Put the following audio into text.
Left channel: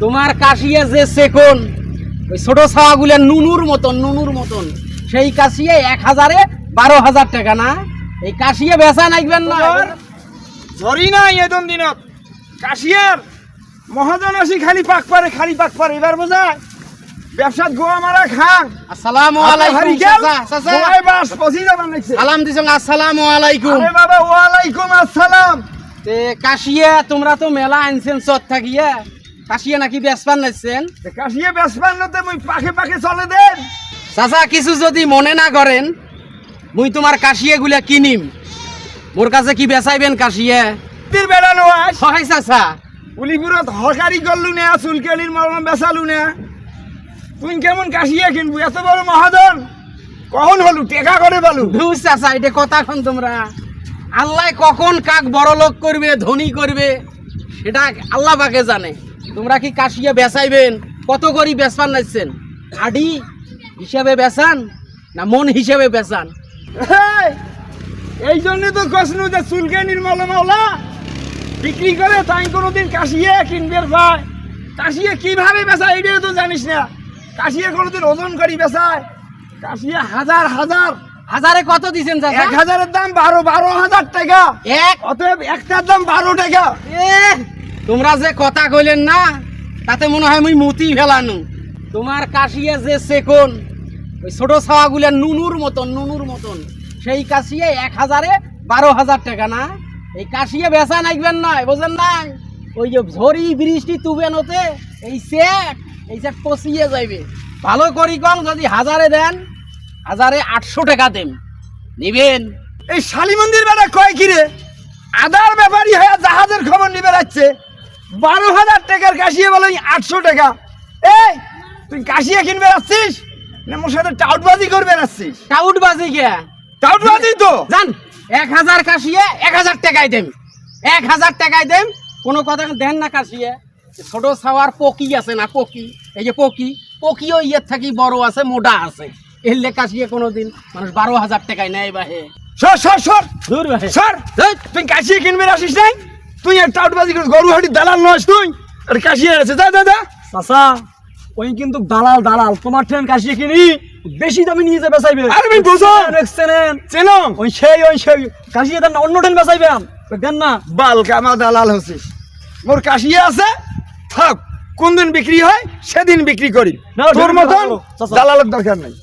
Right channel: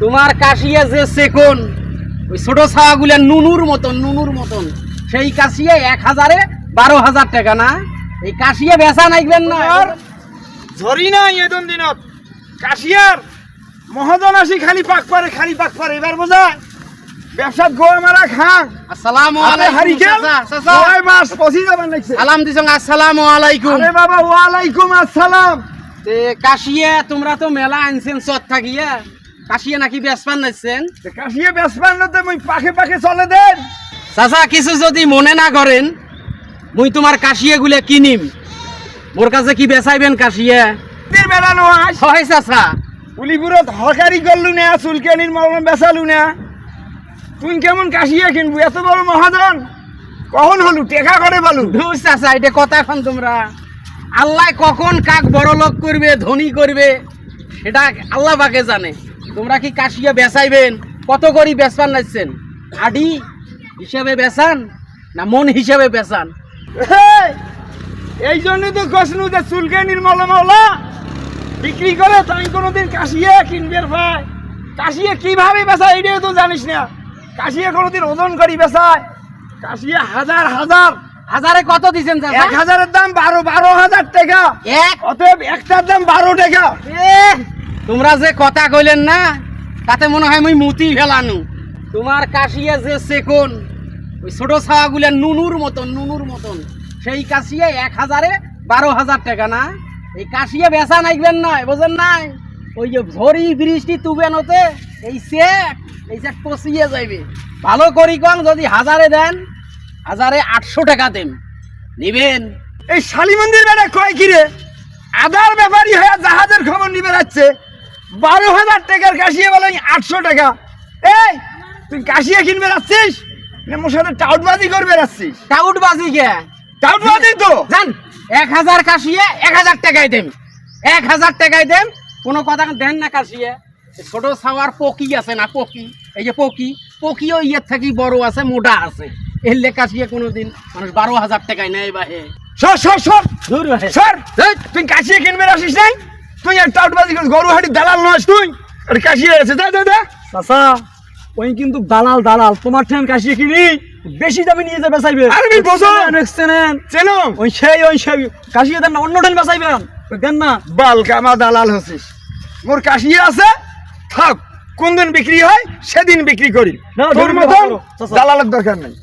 তোমার কাশিয়া যে সেকন ওই ছোট ছাওয়াগুলা নুনুর মতন সেই কাশিয়া 1000-এ 12,000 টাকা না। এই কাশিয়া বেচা নাইবেন না ধরি নাই এদম দিনত কাশিয়ার মহাজন আসি খালি পাক পারে এবার বোঝায় ব্যবসাত গোয়া মারা খাং। আসসালামু আলাইকুম চাচা। ওই বাস পছি যাবেন নাইছে। সালাম দিছেন। আসসালামু আলাইকুম। আরে বাবা ওয়ালাইকুম আসসালাম। তে কাশিয়া তোমরা তো মেলা আনছেন চত থাকিয়া, কাশিয়া নাকি বেচপান নাইছেন? কাশিয়া বেসপান নতে মই পাখে চলে দেন। চাচা কিছু যদি মনে না করেন, মুই তোমার কাশিয়া গুলা কিনিম, মোর কাছে কি বেচাইবেন কাশিয়া? দিন বেড়ানো আস হয় চাচা। উলিপুরত হকারি করলু না, চুলকানির মরণ বেচালু না, তুই কেমন কাশিয়া কিনবু? এত বড় মহাজন কখন হলু টেকা করে পালু? ধুর চাচা, এটা কথা কন তোমরা। আল্লাহ কখন কাক বড় লোক করবে ধনী করবে সেটা আল্লাহ পাকে জানে। তোমরা কি কাশিয়া বেচাইবেন? কত করি বেচপান নাইছেন? আডি হিসাবে বেচান না মন হিসাবে বেচান? এই, এই জন্য তো কসনু যে চুলকানির মলমলা বিক্রি করে তাই কোনোদিন কাশিয়া কিনবে ভাই। কাশিয়া কিভাবে বেচায় এটাও তো জানিস না। কাশিয়া কোনোদিন ওজন করি বেচায়। কাশিয়া হাজারে কত দিছেন চাচা? 1000-এর দাম 12,000 টাকা। এক অতএব একটার দাম 12 টাকা। এ, তোমরা যে কথা কইলেন না তাতে মনে হয় মুই মুতি ফেলানু। তোমার কাশিয়া যে সেকন ওই ছোট ছাওয়াগুলা নুনুর মতন সেই কাশিয়া 1000-এ 12,000 টাকা না। এই কাশিয়া বেচা নাইবেন নাই, বোঝেন নাই? ওই যে ঝড়ি বৃষ্টি তুবেন হতে এই সেট পচিয়ে যাইবে। ভালো করি কম, যদি 1000-এ দেন 1000-এ 800 টাকা দেন, নিবেন? এই শালি মন্দির বেড়া কয় কিরে আদার ব্যাপারী হয়ে জাহাজের খবর নিবে যাচ্ছে। 12,000 টাকার কাশিয়া বলে 800 টাকা। এই তুই কাশিয়া কিনবে যাচ্ছিস না মোর সাথে টাউটবাজি করবে যাচ্ছিস? টাউট বাজি গে টাউটবাজি তো জান। 1000 কাশিয়া 1000 টাকায় দেন, 1000 টাকায় দেন। কোনো কথা দেন না কাশিয়া। ছোট ছাওয়ার পকি আছে না, এই যে পকিও ইয়ের থাকি বড় আছে, মোটা আছে। এলে কাশিয়া কোনোদিন মানুষ 12,000 টাকায় নেয় বাহে। সর দূর বাহে। সর তুই কাশিয়া কিনবে আসিস নাই? তুই আর টাউটবাজি করিস, গরুহাটি দালাল নয় তুই। আর কাশিয়া আছে যা চাচা ওই কিন্তু দালাল তোমার ট্রেন কাশিয়ে কিনি বেশি দামে নিয়ে যাবে চাইবে। আরে ভাই বোঝো চেনো ওই সেই কাশিয়ে দেন না, অন্য ট্রেন বেচাইবেন দেন না। বাল কামা দালাল হচ্ছিস। মোর কাশিয়া আছে থাক, কোন দিন বিক্রি হয় সেদিন বিক্রি করি। না, তোর বিক্রি মতন করো, চাচা। দালালের দরকার নাই।